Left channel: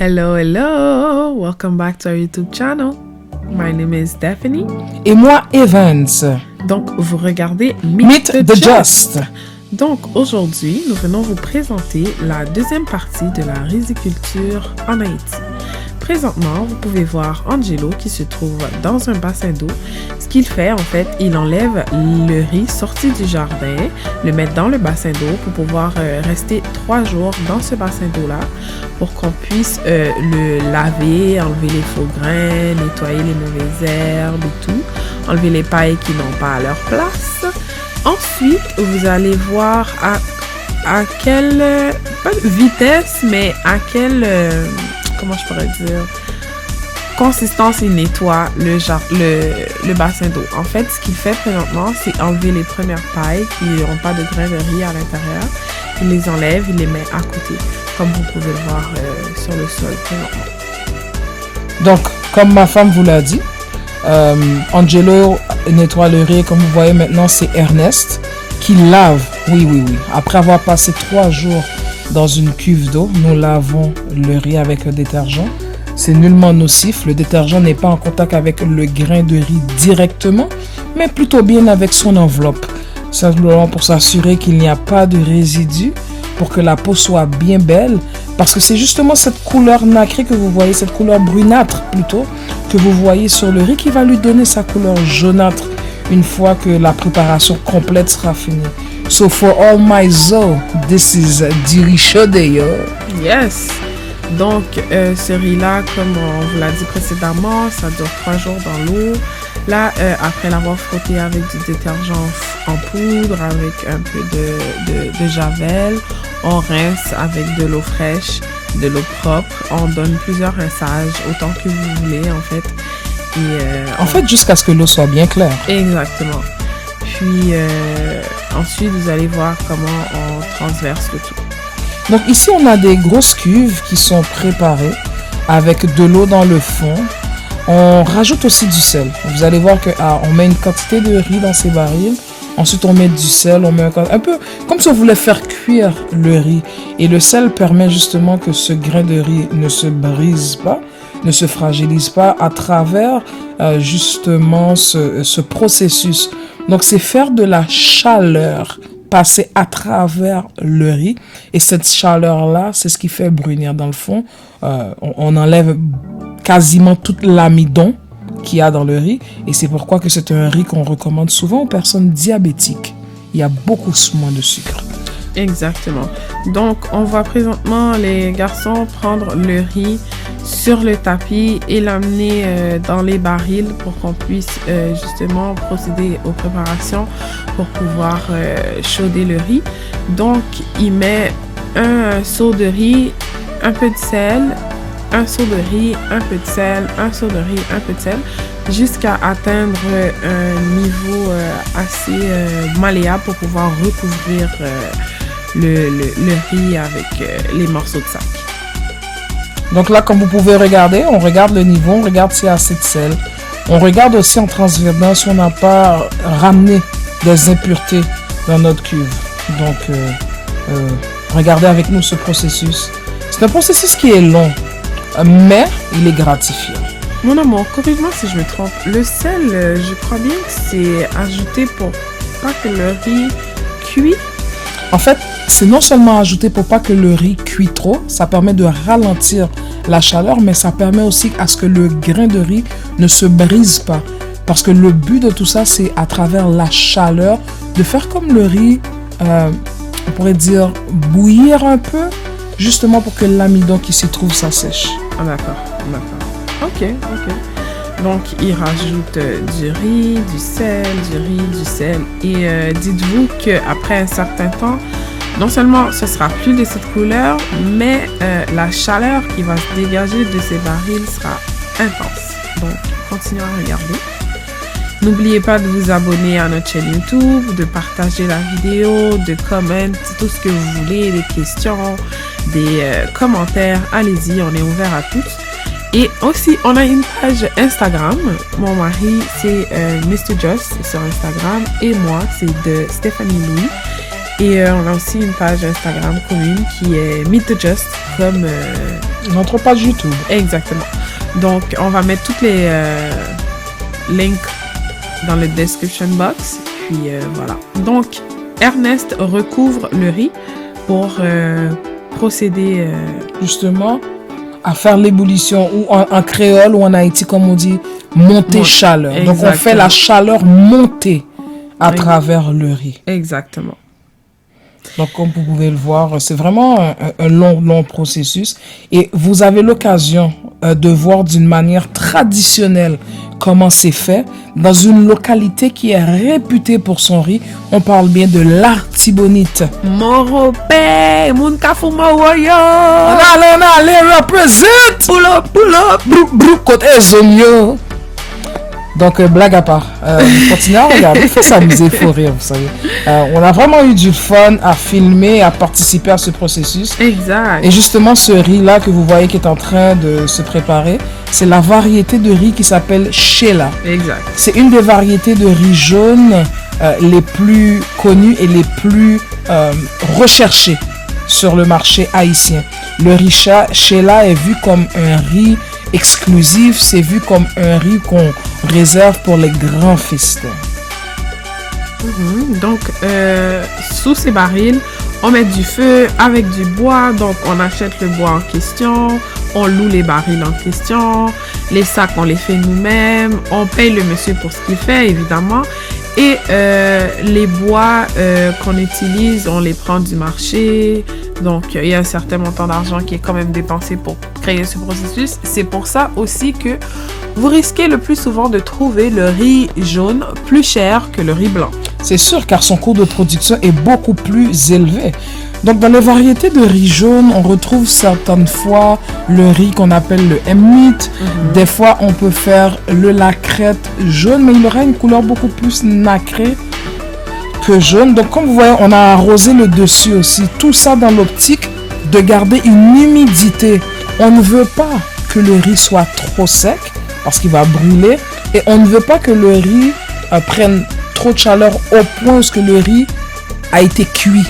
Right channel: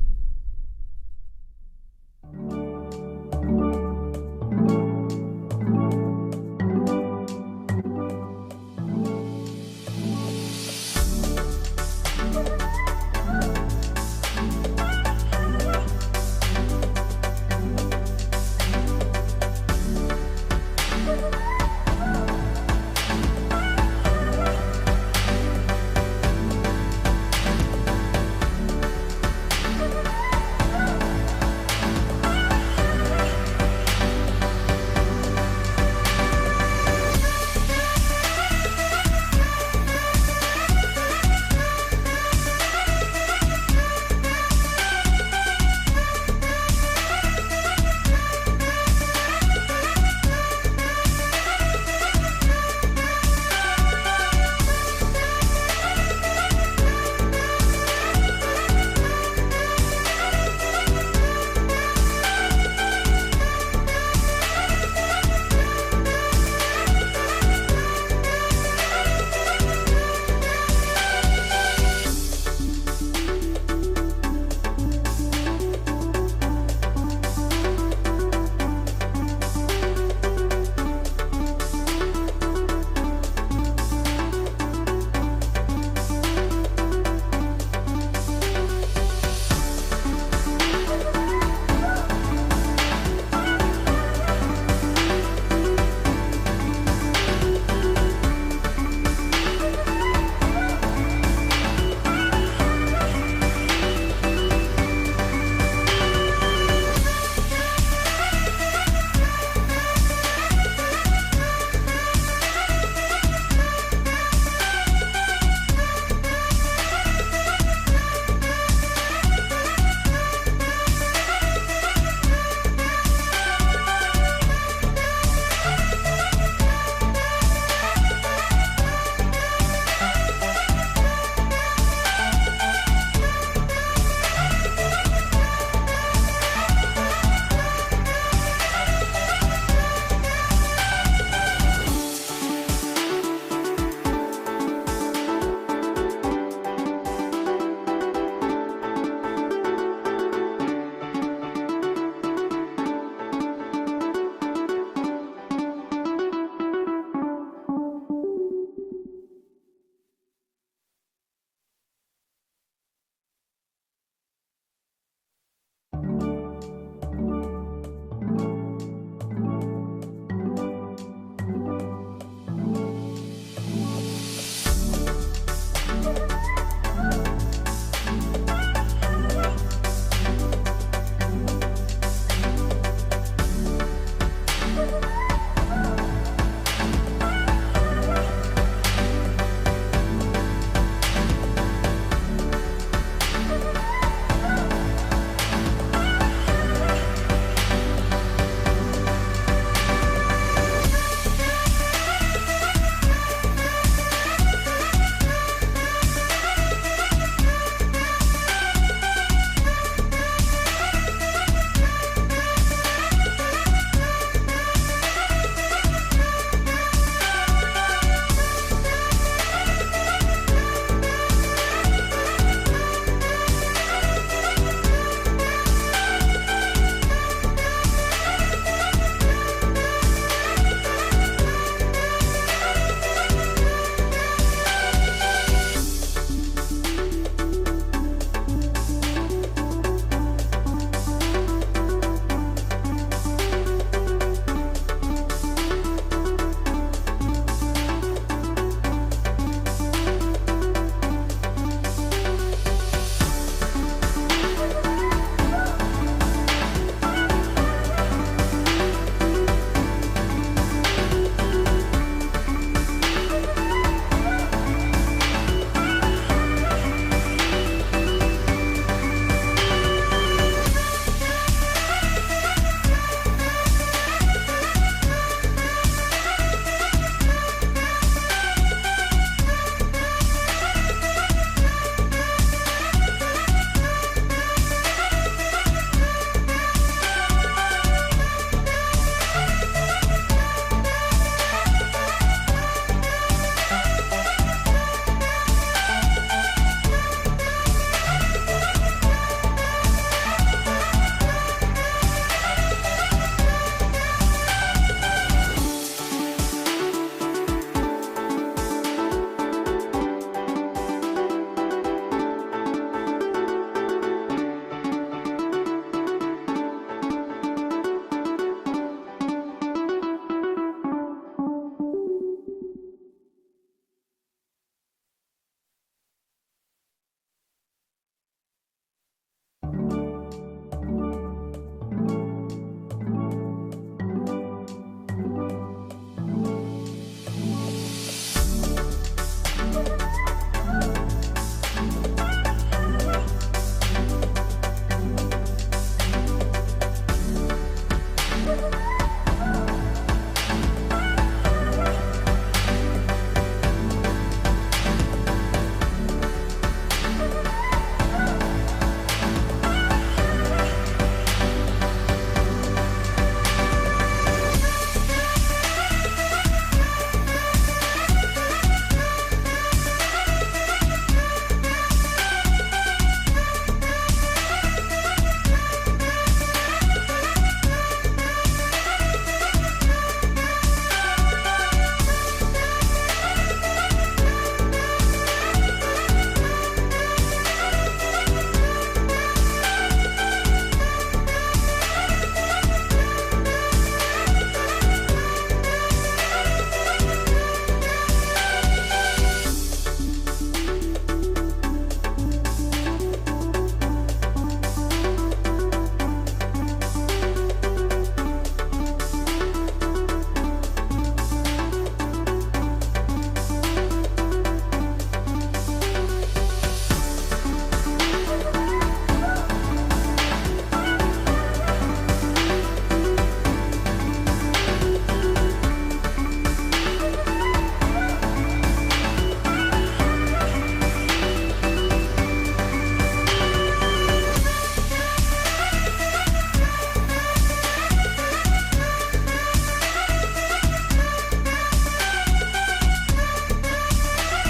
Hello, hello! Welcome back to our YouTube channel. My name is Stephanie. Et moi, Evans. Donc, vous regardez Meet the Just. Donc, aujourd'hui, nous venons vous présenter la deuxième partie de la riziculture en Haïti. Présentement, vous pouvez voir Angelo qui se trouve dans un bassin d'eau. Ce qu'il fait, en fait, il enlève le riz sorti du jardin, le met dans le bassin d'eau pour pouvoir rester 3 jours dans ce bassin d'eau-là pour qu'on puisse le laver, enlever les faux grains, nettoyer les mauvaises herbes et tout, enlever les pailles qui n'ont pas à leur place. Ensuite, vous allez voir à quelle, pas vitesse, mais à quelle, comment je pourrais dire, consistance il nettoie le bassin d'eau. En fait, ce qu'il fait présentement, c'est enlever les premières pailles qui n'ont pas de grains de riz à l'intérieur. Il les enlève, il les met à côté, comme vous pouvez voir sur le sol présentement. Donc, comme ma femme vous l'a dit, Angelo nettoie le riz. Comme vous voyez maintenant, c'est Ernest qui lave. Oui. Après avoir passé 3 jours dans une cuve d'eau, nous lavons le riz avec le détergent. C'est nullement nocif. Le détergent n'est pas en contact avec le grain de riz directement, mais plutôt bien avec son enveloppe. Simplement pour s'assurer qu'il n'y a pas de résidus, pour que la peau soit bien belle. Parce que c'est justement cette couleur nacrée que vous voyez, cette couleur brunâtre plutôt, que vous voyez sur le riz qui va lui donner sa couleur jaunâtre une fois que la préparation complète sera finie. So for all my zoe, this is du riz chaudé, yo. Yes! Donc, ce riz-là, comme on vous l'a dit précédemment, ça dure 3 jours dans l'eau. Là, après l'avoir frotté avec du détergent en poudre, avec un peu de javel, on rince avec de l'eau fraîche, de l'eau propre. On donne plusieurs rinçages, autant que vous voulez, en fait. Et, en fait, jusqu'à ce que l'eau soit bien claire. Exactement. Puis, ensuite, vous allez voir comment on transverse le tout. Donc ici, on a des grosses cuves qui sont préparées avec de l'eau dans le fond. On rajoute aussi du sel. Vous allez voir qu'on met une quantité de riz dans ces barils. Ensuite, on met du sel. On met un peu comme si on voulait faire cuire le riz. Et le sel permet justement que ce grain de riz ne se brise pas, ne se fragilise pas à travers justement ce processus. Donc, c'est faire de la chaleur passer à travers le riz. Et cette chaleur-là, c'est ce qui fait brunir dans le fond. On enlève quasiment tout l'amidon qu'il y a dans le riz. Et c'est pourquoi que c'est un riz qu'on recommande souvent aux personnes diabétiques. Il y a beaucoup moins de sucre. Exactement. Donc, on va présentement les garçons prendre le riz sur le tapis et l'amener dans les barils pour qu'on puisse justement procéder aux préparations pour pouvoir chauder le riz. Donc, il met un seau de riz, un peu de sel, un seau de riz, un peu de sel, un seau de riz, un peu de sel, jusqu'à atteindre un niveau assez malléable pour pouvoir recouvrir le riz avec les morceaux de sac. Donc là, comme vous pouvez regarder, on regarde le niveau, on regarde s'il y a assez de sel. On regarde aussi en transversant si on n'a pas ramené des impuretés dans notre cuve. Donc, regardez avec nous ce processus. C'est un processus qui est long, mais il est gratifiant. Mon amour, corrige-moi si je me trompe. Le sel, je crois bien que c'est ajouté pour pas que le riz cuit. En fait, c'est non seulement ajouté pour pas que le riz cuit trop, ça permet de ralentir la chaleur, mais ça permet aussi à ce que le grain de riz ne se brise pas. Parce que le but de tout ça, c'est à travers la chaleur, de faire comme le riz, on pourrait dire bouillir un peu, justement pour que l'amidon qui s'y trouve s'assèche. Ah d'accord. Ok. Donc, il rajoute du riz, du sel. Et dites-vous qu'après un certain temps, non seulement ce sera plus de cette couleur, mais la chaleur qui va se dégager de ces barils sera intense. Donc, continuez à regarder. N'oubliez pas de vous abonner à notre chaîne YouTube, de partager la vidéo, de commenter tout ce que vous voulez, des questions, des commentaires. Allez-y, on est ouvert à tous. Et aussi, on a une page Instagram. Mon mari, c'est Mr. Just sur Instagram. Et moi, c'est de Stéphanie Louis. Et on a aussi une page Instagram commune qui est Meet the Just, comme Notre page YouTube. Exactement. Donc, on va mettre toutes les links dans le description box. Puis voilà. Donc, Ernest recouvre le riz pour procéder justement à faire l'ébullition ou en créole ou en Haïti, comme on dit, monter chaleur. Exactement. Donc, on fait la chaleur monter à travers le riz. Exactement. Donc, comme vous pouvez le voir, c'est vraiment un long processus. Et vous avez l'occasion de voir d'une manière traditionnelle comment c'est fait dans une localité qui est réputée pour son riz. On parle bien de l'Artibonite. Moropé, moun kafou mawoyo. On allez, represent. Pull up. Brou, côté zonyo. Donc, blague à part, continuez à regarder, il faut s'amuser, il faut rire, vous savez. On a vraiment eu du fun à filmer, à participer à ce processus. Exact. Et justement, ce riz-là que vous voyez qui est en train de se préparer, c'est la variété de riz qui s'appelle Sheila. Exact. C'est une des variétés de riz jaune les plus connues et les plus recherchées sur le marché haïtien. Le riz Sheila est vu comme un riz exclusif, c'est vu comme un riz qu'on réserve pour les grands festins. Donc, sous ces barils, on met du feu avec du bois. Donc, on achète le bois en question, on loue les barils en question, les sacs, on les fait nous-mêmes, on paye le monsieur pour ce qu'il fait, évidemment. Et les bois qu'on utilise, on les prend du marché. Donc, il y a un certain montant d'argent qui est quand même dépensé pour créer ce processus. C'est pour ça aussi que vous risquez le plus souvent de trouver le riz jaune plus cher que le riz blanc. C'est sûr, car son coût de production est beaucoup plus élevé. Donc, dans les variétés de riz jaune, on retrouve certaines fois le riz qu'on appelle le M-meat. Des fois, on peut faire le lacrette jaune, mais il aura une couleur beaucoup plus nacrée que jaune. Donc, comme vous voyez, on a arrosé le dessus aussi. Tout ça dans l'optique de garder une humidité. On ne veut pas que le riz soit trop sec parce qu'il va brûler. Et on ne veut pas que le riz prenne trop de chaleur au point où le riz a été cuit.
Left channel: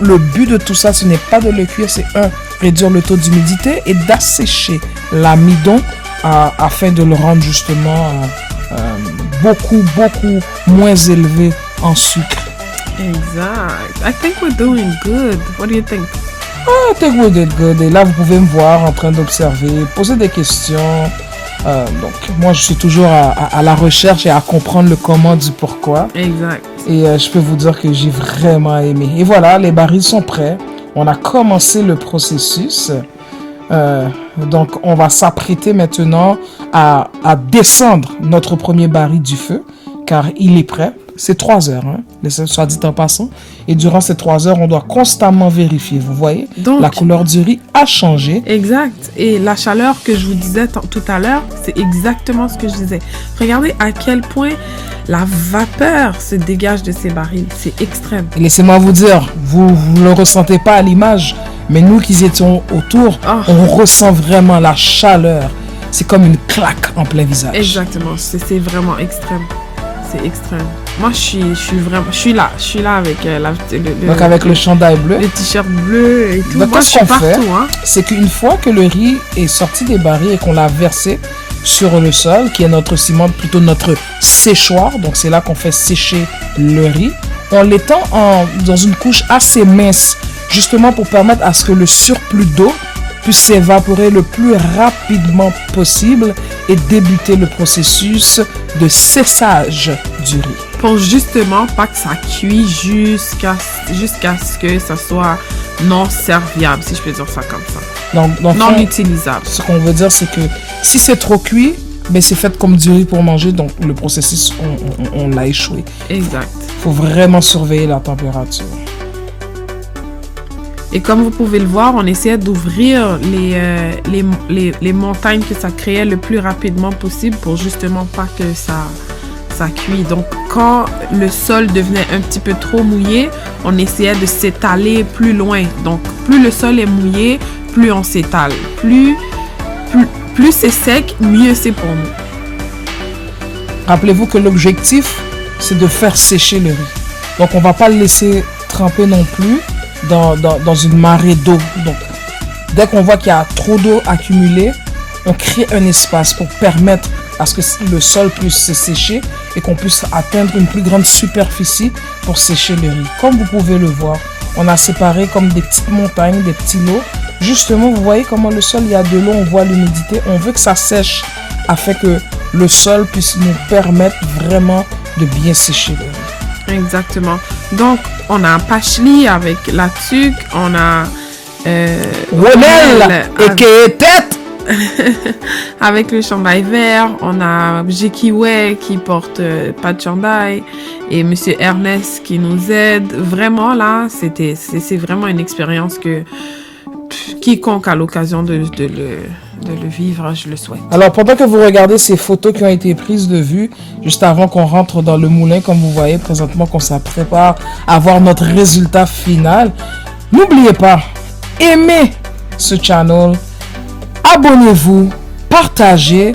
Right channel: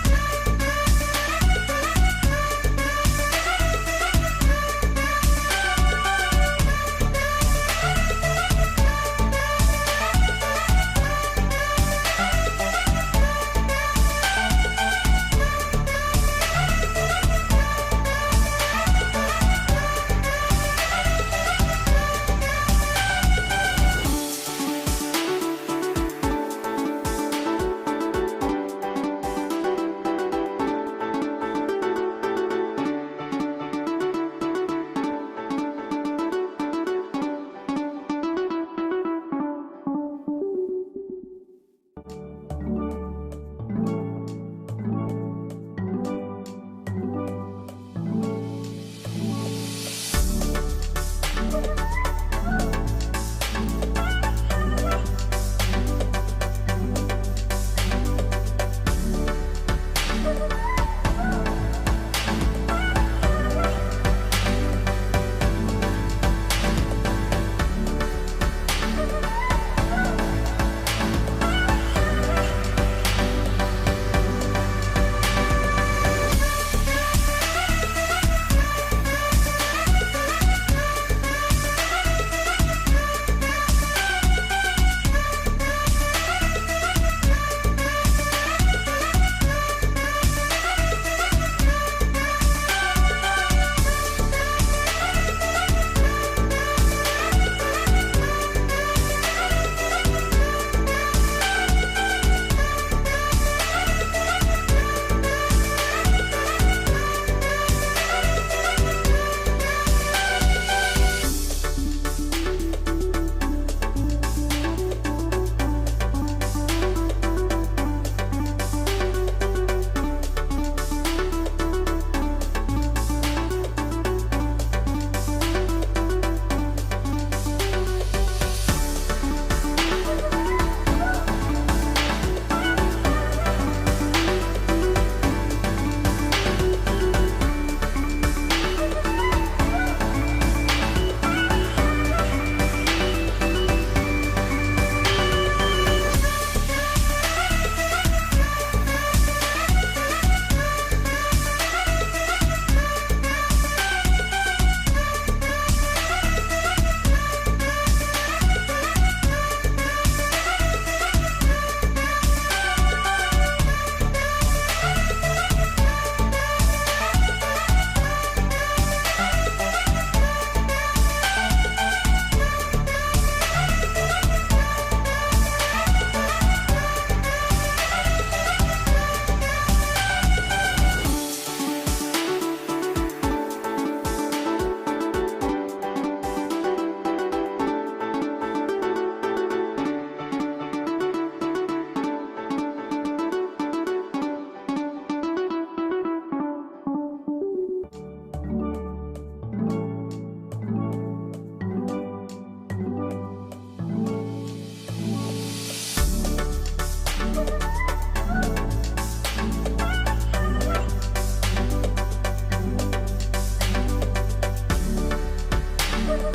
Le but de tout ça, ce n'est pas de le cuire, c'est réduire le taux d'humidité et d'assécher l'amidon afin de le rendre justement beaucoup moins élevé en sucre. Exact. I think we're doing good. What do you think? I think we did good. Et là, vous pouvez me voir en train d'observer, poser des questions. Donc, moi, je suis toujours à la recherche et à comprendre le comment du pourquoi. Exact. Et je peux vous dire que j'ai vraiment aimé. Et voilà, les barils sont prêts. On a commencé le processus. Donc, on va s'apprêter maintenant à descendre notre premier baril du feu, car il est prêt. C'est 3 heures, soit dit en passant. Et durant ces 3 heures, on doit constamment vérifier. Vous voyez, donc, la couleur du riz a changé. Exact. Et la chaleur que je vous disais tout à l'heure, c'est exactement ce que je disais. Regardez à quel point la vapeur se dégage de ces barils. C'est extrême. Laissez-moi vous dire, vous ne le ressentez pas à l'image, mais nous qui étions autour, on ressent vraiment la chaleur. C'est comme une claque en plein visage. Exactement. C'est vraiment extrême. C'est extrême. Moi, je suis là avec donc avec le chandail bleu, les t-shirts bleus et tout. Donc, moi, je suis partout. C'est qu'une fois que le riz est sorti des barils et qu'on l'a versé sur le sol, qui est notre ciment, plutôt notre séchoir, donc c'est là qu'on fait sécher le riz, on l'étend dans une couche assez mince, justement pour permettre à ce que le surplus d'eau puisse s'évaporer le plus rapidement possible et débuter le processus de séchage du riz. Pour justement pas que ça cuise jusqu'à ce que ça soit non serviable, si je peux dire ça comme ça. Donc non utilisable. Ce qu'on veut dire, c'est que si c'est trop cuit, mais c'est fait comme du riz pour manger, donc le processus, on l'a échoué. Exact. Il faut vraiment surveiller la température. Et comme vous pouvez le voir, on essayait d'ouvrir les montagnes que ça créait le plus rapidement possible pour justement pas que ça cuit. Donc, quand le sol devenait un petit peu trop mouillé, on essayait de s'étaler plus loin. Donc, plus le sol est mouillé, plus on s'étale. Plus c'est sec, mieux c'est pour nous. Rappelez-vous que l'objectif, c'est de faire sécher le riz. Donc, on ne va pas le laisser tremper non plus dans une marée d'eau. Donc, Dès qu'on voit qu'il y a trop d'eau accumulée, on crée un espace pour permettre à ce que le sol puisse se sécher et qu'on puisse atteindre une plus grande superficie pour sécher le riz. Comme vous pouvez le voir, on a séparé comme des petites montagnes, des petits lots. Justement, vous voyez comment le sol, il y a de l'eau, on voit l'humidité. On veut que ça sèche afin que le sol puisse nous permettre vraiment de bien sécher le riz. Exactement. Donc, on a Pacheli avec la tuque, on a Ronel et tête avec le chandail vert, on a Jekiwe qui porte pas de chandail et Monsieur Ernest qui nous aide. Vraiment là, c'est vraiment une expérience que quiconque a l'occasion de le vivre, je le souhaite. Alors, pendant que vous regardez ces photos qui ont été prises de vue, juste avant qu'on rentre dans le moulin, comme vous voyez présentement qu'on se prépare à voir notre résultat final, n'oubliez pas, aimez ce channel, abonnez-vous, partagez,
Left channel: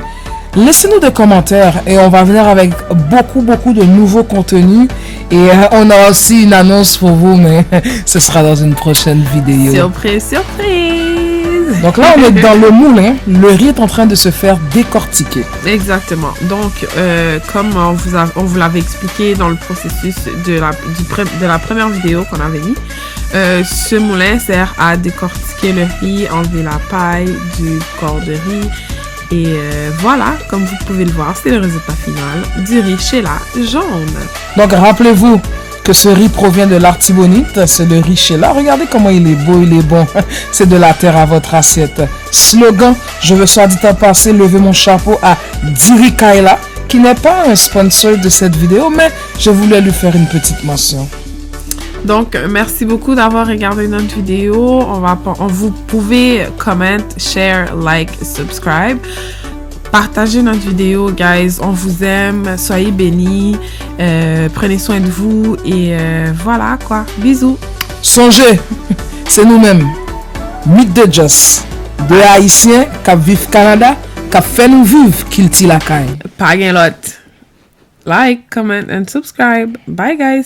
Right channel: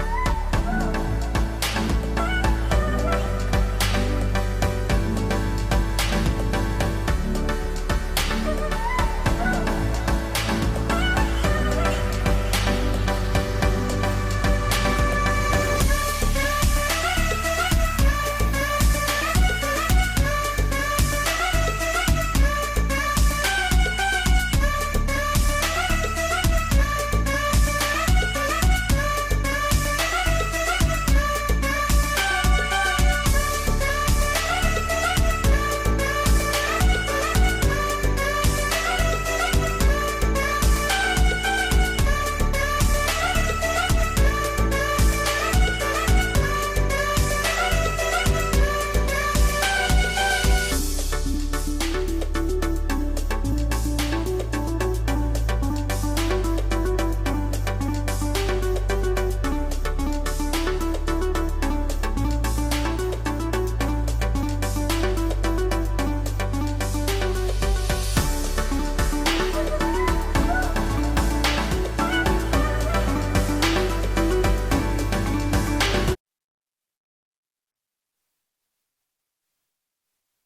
laissez-nous des commentaires et on va venir avec beaucoup de nouveaux contenus. Et on a aussi une annonce pour vous, mais ce sera dans une prochaine vidéo. Surprise, surprise! Donc là, on est dans le moulin. Le riz est en train de se faire décortiquer. Exactement. Donc, comme on vous l'avait expliqué dans le processus de la première vidéo qu'on avait mis, ce moulin sert à décortiquer le riz, enlever la paille du corps de riz. Et voilà, comme vous pouvez le voir, c'est le résultat final du riz Sheila jaune. Donc rappelez-vous que ce riz provient de l'Artibonite, c'est le riz Sheila. Regardez comment il est beau, il est bon. C'est de la terre à votre assiette. Slogan, je veux soit dit en passé lever mon chapeau à Diri Kaila, qui n'est pas un sponsor de cette vidéo, mais je voulais lui faire une petite mention. Donc, merci beaucoup d'avoir regardé notre vidéo. Vous pouvez comment, share, like, subscribe. Partagez notre vidéo, guys. On vous aime. Soyez bénis. Prenez soin de vous. Et voilà, quoi. Bisous. Songez, c'est nous-mêmes. Mythe de Joss. Deux Haïtiens qui vivent au Canada, qui fait nous vivre qu'il tire la caille. Pas gain lot. Like, comment, and subscribe. Bye, guys.